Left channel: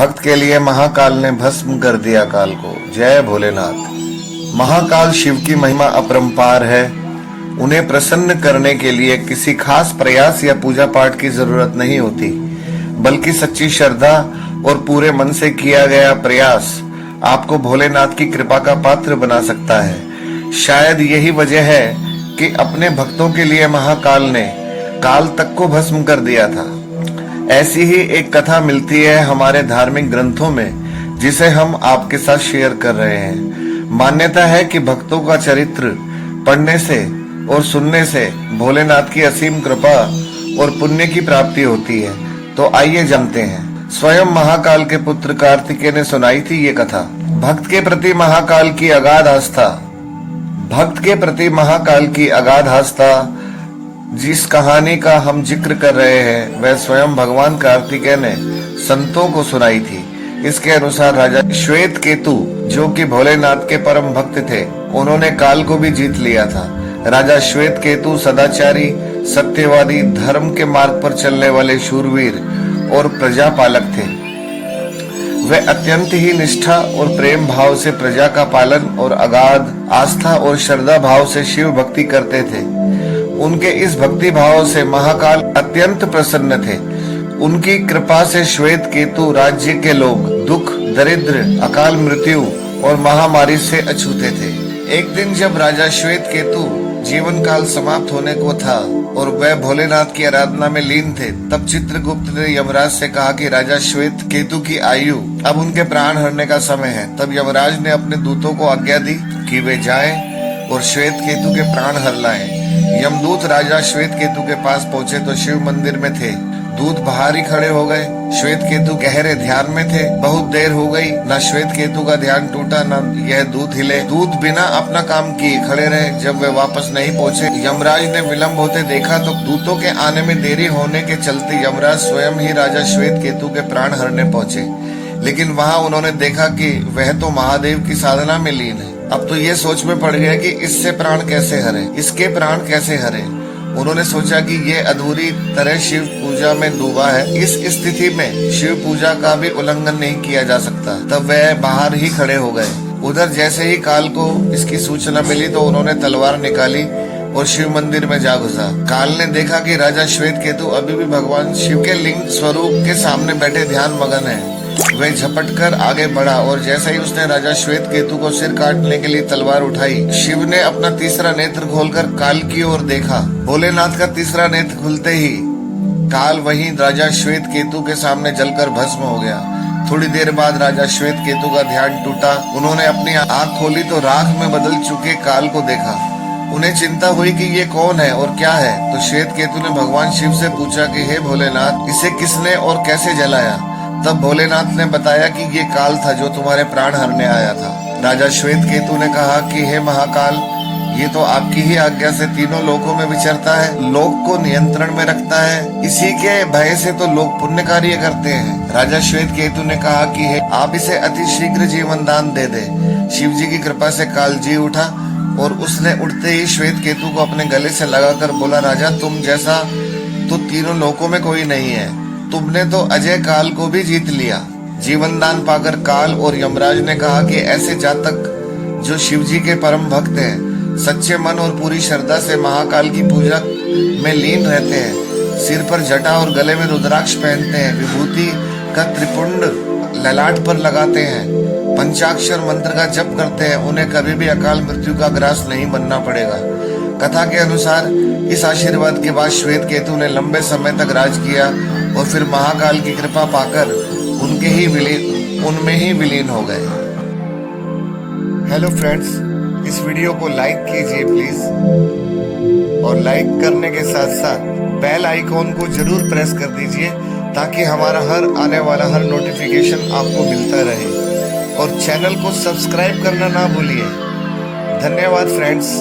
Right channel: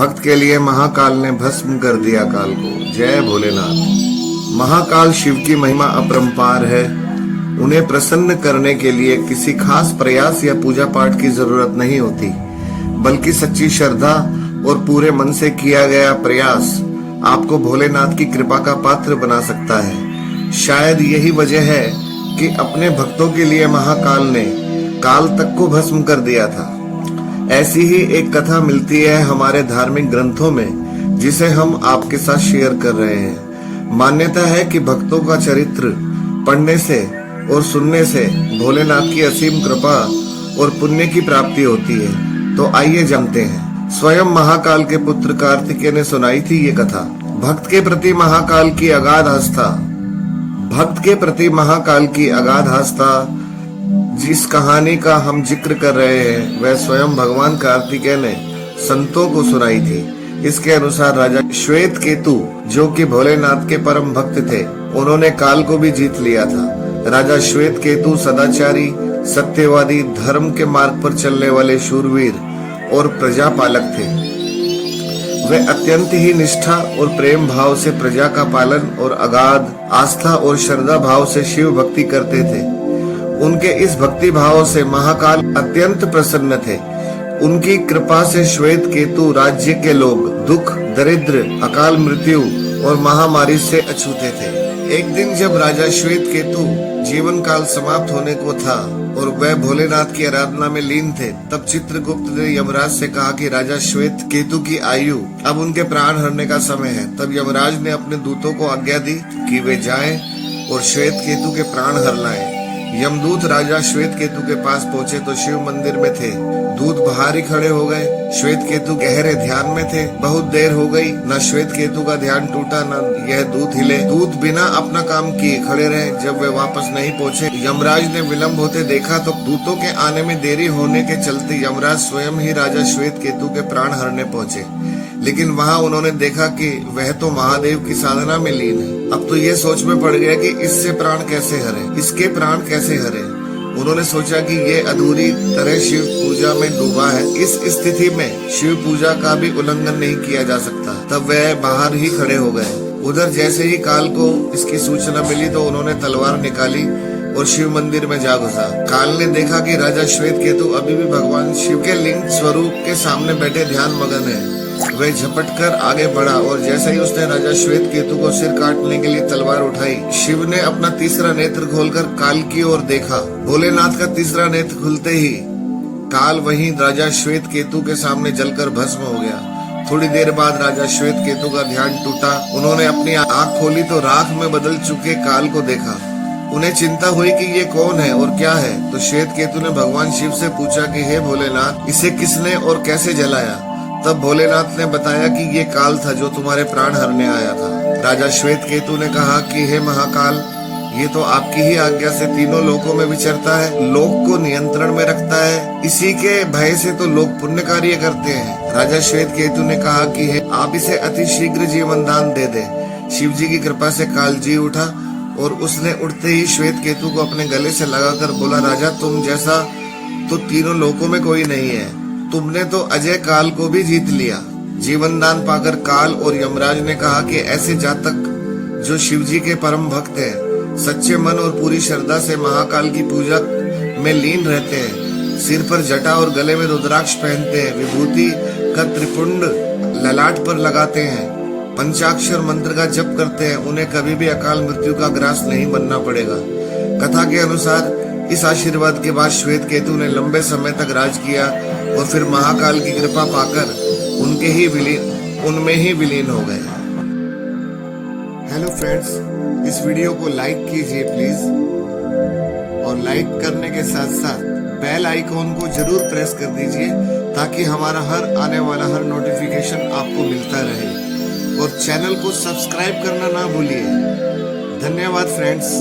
भक्त के लिए महाकाल ने भस्म कर दिया काल को। जय भोलेनाथ। महाकाल शिव की महिमा अपरंपार है। उन्हें प्रसन्न करने के लिए किसी खास प्रयास या पूजा पाठ की जरूरत नहीं होती, बल्कि सच्ची श्रद्धा और पूरे मन से किया गया प्रयास आपको भोलेनाथ की कृपा का पात्र बना सकता है। शायद यही वजह है कि अपने भक्तों के लिए महाकाल ने काल तक को भस्म कर दिया था। ऐसी ही एक कथा मिलती है हमारे धार्मिक ग्रंथों में, जिसे हम आपके साथ शेयर कर रहे हैं। मान्यता है कि भक्तों का चरित्र पढ़ने से और सुनने से भोलेनाथ की असीम कृपा और पुण्य की प्राप्ति होती है। तो आइए जानते हैं। स्वयं महाकाल के पुत्र कार्तिकेय ने सुनाई थी ये कथा। भक्त के प्रति महाकाल की अगाध आस्था। भक्त के प्रति महाकाल की अगाध आस्था जिस कहानी का हम जिक्र कर रहे हैं, वह स्वयं भगवान कार्तिकेय ने संतों को सुनाई थी। इसके अनुसार राजा श्वेत केतु, जो कि भोलेनाथ के परम भक्त थे, उन्होंने काल को भी जीत लिया था। राजा श्वेत केतु सदाचारी, सत्यवादी, धर्म के मार्ग पर चलने वाले शूरवीर और प्रजापालक थे। वे अत्यंत ही निष्ठा और प्रेम भाव से प्रजा का पालन और अगाध आस्था और श्रद्धा भाव से शिव भक्ति करते थे। उनके इस भक्ति भाव से महाकाल अत्यंत प्रसन्न थे। उनकी कृपा से श्वेत केतु राज्य के लोग दुख, दरिद्र, अकाल मृत्यु और महामारी से अछूते थे। एक दिन जब राजा श्वेत केतु जीवन काल समाप्त होने को था और वह भोलेनाथ की आराधना में लीन थे, तब चित्रगुप्त ने यमराज से कहा कि राजा श्वेत केतु की आयु अब उनके प्राण हरने का समय है। तब यमराज ने अपने दूतों को आज्ञा दी कि वे जाएं और श्वेत केतु के प्राण हर लाएं। यमदूत राजा श्वेत केतु के पास पहुंचे तो शिव मंदिर में थे। दूत बाहर ही खड़े हो गए। श्वेत केतु गहरे ध्यान में थे। बहुत देर हो गई, न श्वेत केतु का ध्यान टूटा, न यह दूत हिले। दूत बिना अपना काम किए खड़े रहे। जब वे वापस नहीं पहुंचे, यमराज ने विलंब होते देखा तो दूतों के आने में देरी होने के चलते यमराज स्वयं ही राजा श्वेत केतु के प्राण हरने पहुंचे। लेकिन वहां उन्होंने देखा कि वह तो महादेव की साधना में लीन है। अब तो ये सोच में पड़ गया कि इससे प्राण कैसे हरे, इसके प्राण कैसे हरे। उन्होंने सोचा कि ये अधूरी तरह शिव पूजा में डूबा है। इस स्थिति में शिव पूजा का भी उल्लंघन नहीं किया जा सकता। तब वह बाहर ही खड़े हो गए। उधर जैसे ही काल को इसकी सूचना मिली तो उन्होंने तलवार निकाली और शिव मंदिर में जा घुसा। काल ने देखा कि राजा श्वेत केतु अभी भी भगवान शिव के लिंग स्वरूप के सामने बैठे ध्यान मगन है। वह झपट कर आगे बढ़ा और जैसे ही उसने राजा श्वेत केतु को सिर काटने के लिए तलवार उठाई, शिव ने अपना तीसरा नेत्र खोलकर काल की ओर देखा। भोलेनाथ का तीसरा नेत्र खुलते ही काल वहीं राजा श्वेत केतु के सामने जलकर भस्म हो गया। थोड़ी देर बाद राजा श्वेत केतु का ध्यान टूटा। उन्होंने अपनी आंख खोली तो राख में बदल चुके काल को देखा। उन्हें चिंता हुई कि ये कौन है और क्या है। तो श्वेत केतु ने भगवान शिव से पूछा कि हे भोलेनाथ, इसे किसने और कैसे जलाया। तब भोलेनाथ ने बताया कि ये काल था जो तुम्हारे प्राण हरने आया था। राजा श्वेत केतु ने कहा कि हे महाकाल, ये तो आपकी ही आज्ञा से तीनों लोकों में विचरता है, लोक को नियंत्रण में रखता है। इसी के भय से तो लोग पुण्य कार्य करते हैं। राजा श्वेत केतु ने कहा कि हे, आप इसे अति शीघ्र जीवन दान दे दे। शिव जी की कृपा से काल जी उठा और उसने उठते ही श्वेत केतु को अपने गले से लगाकर बोला, राजा तुम जैसा तो तीनों लोकों में कोई नहीं है। तुमने तो अजय काल को भी जीत लिया। जीवन दान पाकर काल और यमराज ने कहा कि ऐसे जातक जो शिव जी के परम भक्त हैं, सच्चे मन और पूरी श्रद्धा से महाकाल की पूजा में लीन रहते हैं, सिर पर जटा और गले में रुद्राक्ष पहनते हैं, विभूति का त्रिपुंड ललाट पर लगाते हैं, पंचाक्षर मंत्र का जप करते हैं, उन्हें कभी भी अकाल मृत्यु का ग्रास नहीं बनना पड़ेगा। कथा के अनुसार इस आशीर्वाद के बाद श्वेत केतु ने लंबे समय तक राज किया और फिर महाकाल की कृपा पाकर उनमें ही विलीन हो गए। हेलो फ्रेंड्स, इस वीडियो को लाइक कीजिए प्लीज, और लाइक करने के साथ साथ बेल आइकॉन को जरूर प्रेस कर दीजिए ताकि हमारा हर आने वाला हर नोटिफिकेशन आपको मिलता रहे, और चैनल को सब्सक्राइब करना ना भूलिए। धन्यवाद फ्रेंड्स।